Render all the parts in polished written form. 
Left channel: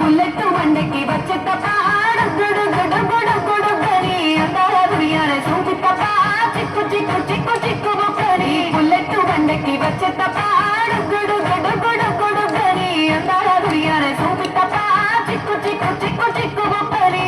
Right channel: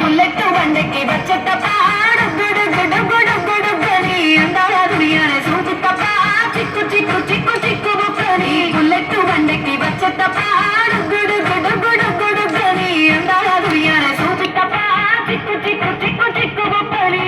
bullet బండకి వచ్చే తప్ప గుడు గుడు గుడు గుడు గని అందరూ సూచి తప్ప చిక్కు చిక్కు చిక్కు చిక్కు బుక్కని బుల్లెట్ బండకి వచ్చే తప్ప గుడు గుడు గుడు గుడు గని అందరూ సూచి తప్ప చిక్కు చిక్కు చిక్కు చిక్కు బుక్కని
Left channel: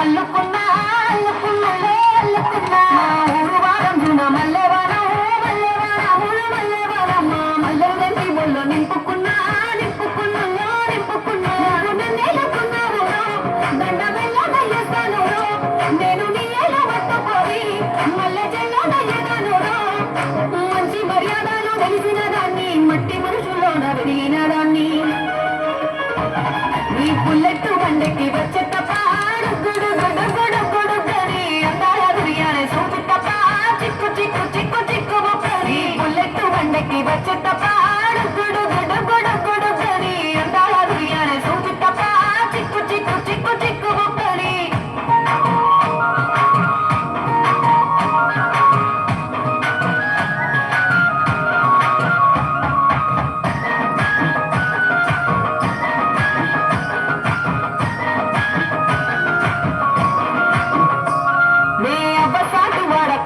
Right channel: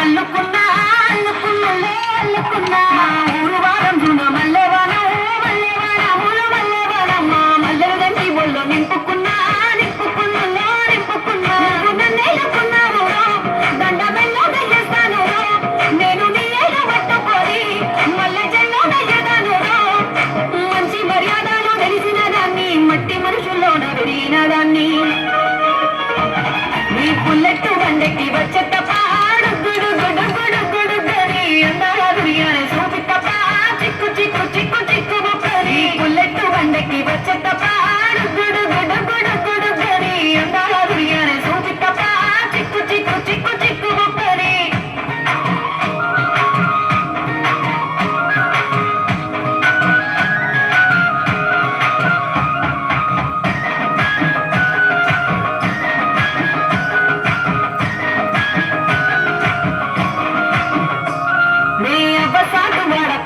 అల్లుకున్నా అల్లుకున్నా అల్లుకున్నా మా ఊరు వారం జున మల్లెవానం మల్లెవానములు మల్లెవానమ్మ మల్లెల దండి ఒళ్ళు నింపుకున్నా నింపుకున్నా నింపుకున్నా నన్నేలుకున్నావు దండ బెల్లో దయ్యేస్తాను నేను నీ ఏలు పట్టుకొని మల్లె చెల్లో దయ్యదాను మంచి మర్యాదలు తెలిసిన దాన్ని మట్టి మనుషుల్లోన పెరిగిన దాన్ని ఈ బుల్లెట్ బండెక్కి వచ్చే తప్ప గుడు గుడు గుడు గుడు గని అందరూ సూచి తప్ప చిక్కు చిక్కు చిక్కు చిక్కు బుక్కని బుల్లెట్ బండెక్కి వచ్చే తప్ప గుడు గుడు గుడు గుడు గని అందరూ సూచి తప్ప చిక్కు చిక్కు చిక్కు చిక్కు బుక్కని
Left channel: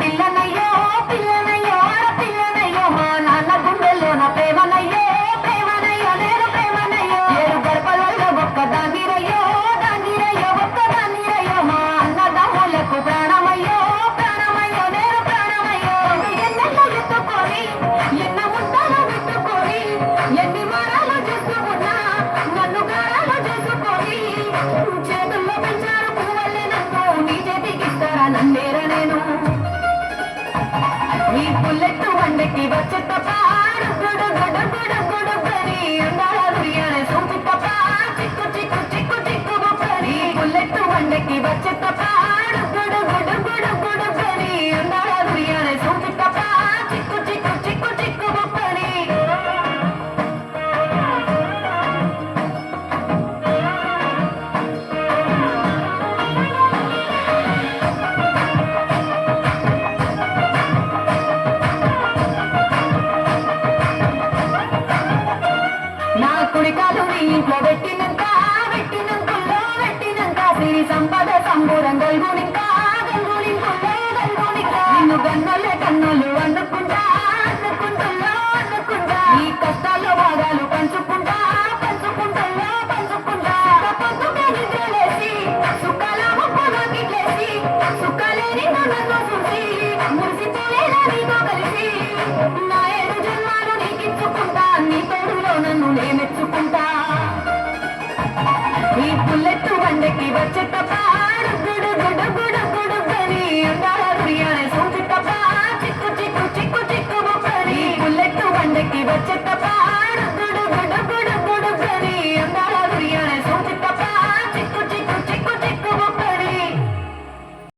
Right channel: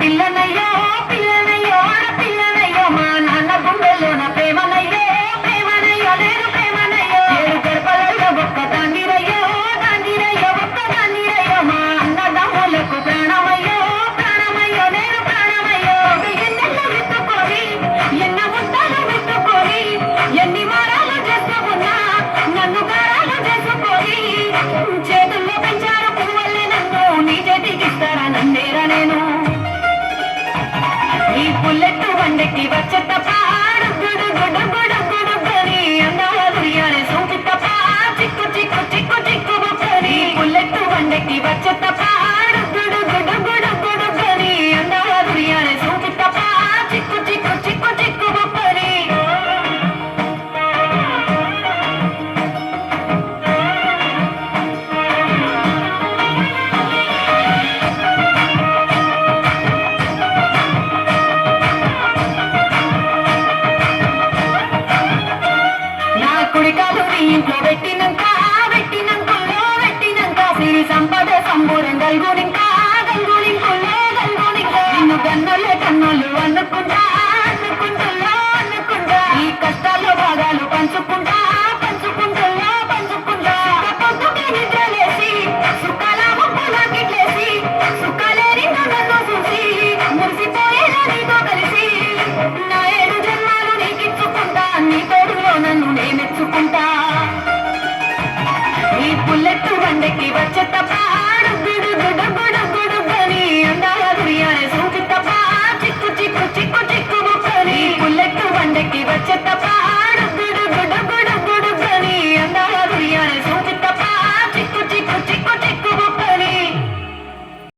పిల్లనయ్యో పిల్లనయ్యో ఆడపిల్లనయ్యో మా నాన్న గుండెల్లో నా ప్రేమనయ్యో ప్రేమనయ్యో నేను ప్రేమనయ్యో ఏడు గడపలలో ఒక్క దాండిరయ్యో దాండిరయ్యో ఒక్క దాండిరయ్యో మా అన్నదమ్ములకు ప్రాణమయ్యో ప్రాణమయ్యో నేను ప్రాణమయ్యో ఎన్నెల్లో ఎత్తుకొని ఎన్న ముద్దలు పెట్టుకొని ఎన్ని మారాలు చేసుకున్నా నన్ను గారాలు చేసుకొని చేతుల్లో పెంచారు పువ్వులే నన్ను నీ చేతికి ఇస్తారా నన్నేరా నేను ఈ బుల్లెట్ బండెక్కి వచ్చే తప్ప గుడు గుడు గుడు గుడు గని అందరూ సూచి తప్ప చిక్కు చిక్కు చిక్కు చిక్కు బుక్కని బుల్లెట్ బండెక్కి వచ్చే తప్ప గుడు గుడు గుడు గుడు గని అందరూ సూచి తప్ప చిక్కు చిక్కు చిక్కు చిక్కు బుక్కని కుడికాలు నీ ఇంట్లో పెట్టినంత సిరి సంపద సంబూరం గల్గునింకా గల్గునింకుల్లో గల్గునింకా నిన్ను గన్నలే కన్నులు అనుకుంటా అనుకుంటుల్లో అనుకుంటా ఈ కష్టాల్లో భాగాలు పంచుకుంటా పంచుకుంటుల్లో పంచుకుంటా పొద్దుకే నిద్రలేసి సుఖాల ముప్పులకిట్లేసి సుఖాలేని నన్ను చూసి మురిసిపోయేలా నీతో కలిసి నా 7 జన్మాలు నీకిచ్చుకుంటా నీ తోడులో నన్ను నేనెచ్చుకుంటా ఈ బుల్లెట్ బండెక్కి వచ్చే తప్ప